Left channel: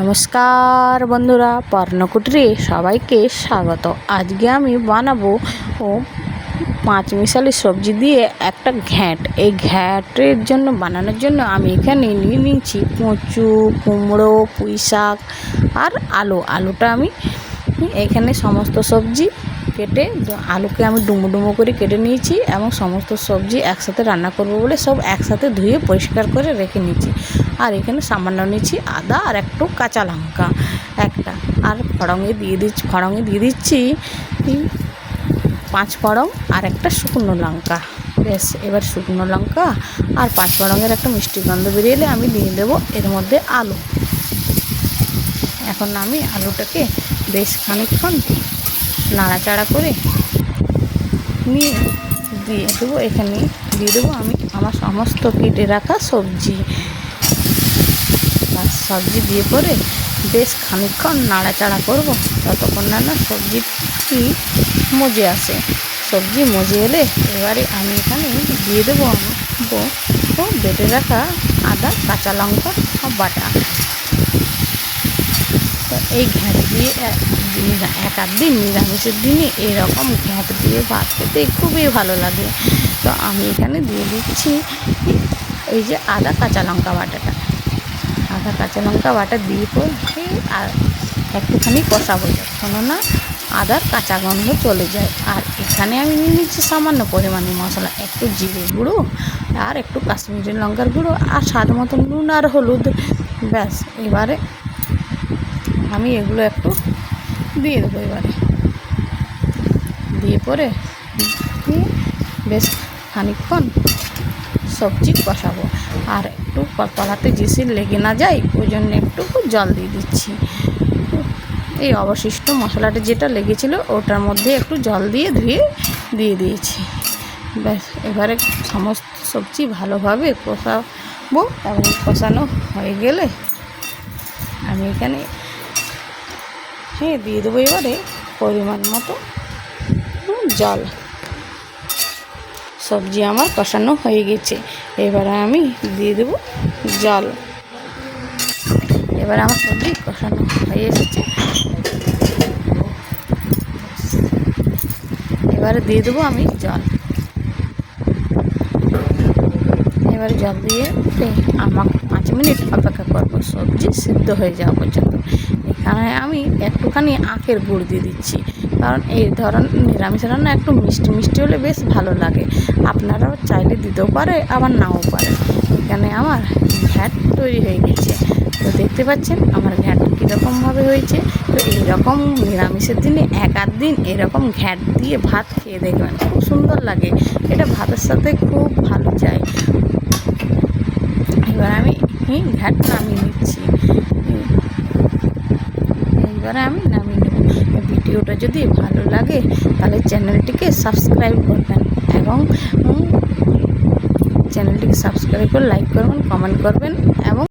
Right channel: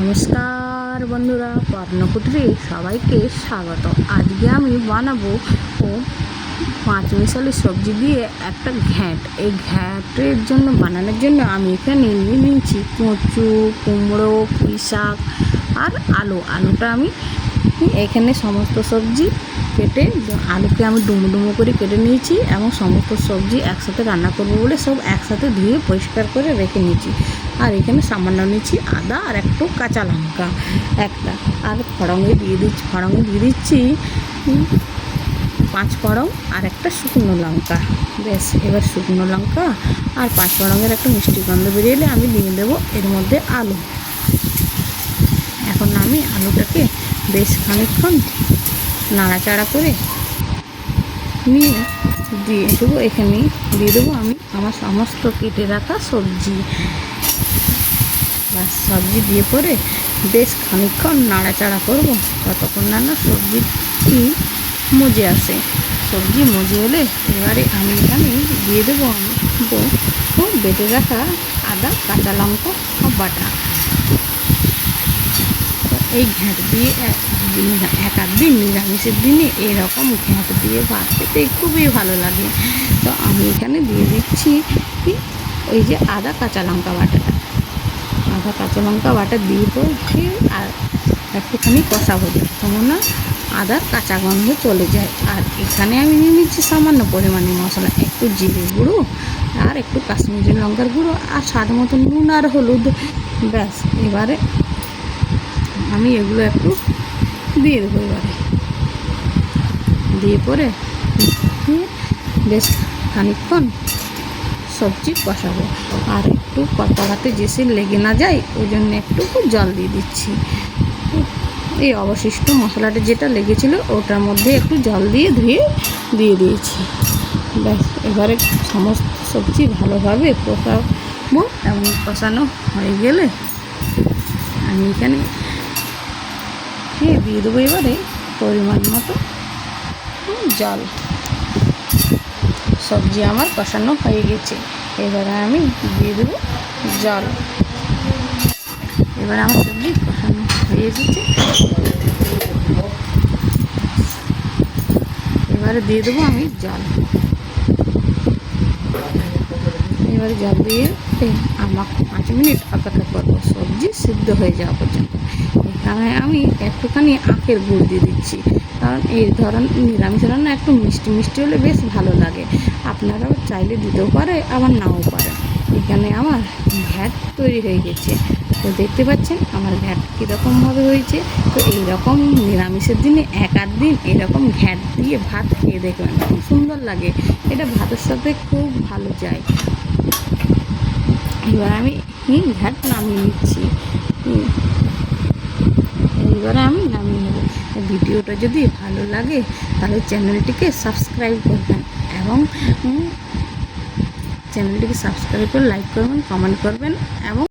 নমস্কার বন্ধুরা, পর্ণকুটিরে সবাইকে স্বাগত। আজকে আমি বানাবো পাঁচ মিশালি সবজি দিয়ে একটা ঘ্যাঁট। এই ঘ্যাঁটের জন্য বানানোর জন্য আমি এখানে নিয়ে নিয়েছি কচু, কুমড়ো, পুঁই শাক আর আলুটা আমি এখানে সমস্ত সবজি কেটে, আলুকে আমি ডুমো ডুমো করে কেটে নিয়েছি এবং সমস্ত সবজি একসাথে রান্না করবো বলে সব একসাথে ধুয়ে পরিষ্কার করে রেখে নিয়েছি। আর এখানে সামান্য নিয়েছি আদা আর একটু কাঁচা লঙ্কা একটা, আর ফড়ঙে দিয়ে দিচ্ছি 5 ফড়ং আর একটা শুকনো লঙ্কা। বেশ, এবার শুকনো লঙ্কা আর 5 ফড়ঙের একটা মিষ্টি গন্ধ বেরিয়ে এলে আমি দিয়ে দেবো এর মধ্যে আলু। এখন আমি আলুটাকে বেশ খানিকক্ষণ নাড়াচাড়া করে নিয়ে দিয়ে দেবো, এখানে দিয়ে দেবো আমি আমার সমস্ত কেটে রাখা সবজি। আর সবজি দিয়ে পরে বেশ খানিকক্ষণ নাড়াচাড়া করব ততক্ষণ না সবজিটি মজে আসে। সবজি মজে এলে এবারে আমি এখানে দিয়ে দেবো বেটে রাখা আদা, কাঁচা লঙ্কা বাটা। এই ঘ্যাঁট দিয়ে এক আধ দিন নিরামিষের দিনে এরকম ঘ্যাঁট দিয়ে ভাত খেতে খুবই ভালো লাগে। তো আমি এখানে দিয়ে দিচ্ছি এই যে আদা কাঁচা লঙ্কা বাটা দিয়ে আর একটুখানি কষাবো কেননা আদার কাঁচা গন্ধ চলে যায়। আর এখানে আমি নিয়ে নিচ্ছি সামান্য পরিমাণে মশলা, একটু জিরে গুঁড়ো আর একটু কাশ্মীরি লঙ্কার গুঁড়ো আর স্বাদ মতো নুন আর হলুদ। ব্যাস, এবারে আমি এগুলো একটু দিয়ে দেবো। এবারে দিয়ে পরে বেশ খানিকক্ষণ সবজি কষাবো। আর একটু কড়াতে যেসে লেগে না যায় ওই জন্য একটু জল দিয়ে দিচ্ছি। এই অবশিষ্ট মশলাটা যেটা লেগেছিলো ওটার মধ্যে একটু জল দিয়ে ধুয়ে দিয়ে দিয়েছি। ব্যাস, এবারে সমস্ত সবজি ভালোভাবে কষাবো এবং কষানো হয়ে গেলে আমি এখানে দিয়ে দেবো এবারে পরিমাণ মতো জল। সবজি আমার কষানো হয়ে গেছে, এবারে আমি দিয়ে দেবো জল। এবার আমার সবজি কষানো হয়ে এসেছে, এবারে দিয়ে দেবো আমি জল। এবারে জল দিয়ে আমার 5 মিনিট অপেক্ষা করবো সবজি সিদ্ধ হয়ে যাওয়া পর্যন্ত। এখানে আমি একটুখানি আখের গুড় দিয়ে দিচ্ছি, কারণ এই নিরামিষ রান্না একটু মিষ্টি মিষ্টি হলে বেশ ভালো লাগে। আপনারাও চাইলে দিতেও পারে আবার নাও পারে। এখানে আমার ঘ্যাঁট তৈরি হয়ে গেছে। তো দেখতে পাচ্ছেন আমার ঘ্যাঁট কীরকমভাবে হয়েছে। তো এইরকম নিরামিষের দিনে এক আধ দিন এরকম ঘ্যাঁট দিয়ে ভাত খেয়ে দেখবেন, খুব সুন্দর লাগে। এটা ভাতের সাথে খুব ভালো যায়। এবার আমি ঘ্যাঁট নামিয়ে নিচ্ছি। এবারে আমি নামিয়ে নেব। ভিডিওটা যদি ভালো লাগে তাহলে চ্যানেলটিকে সাবস্ক্রাইব করবেন এবং চ্যানেলটিকে সাবস্ক্রাইব করে লাইক করবেন, কমেন্ট করবেন এবং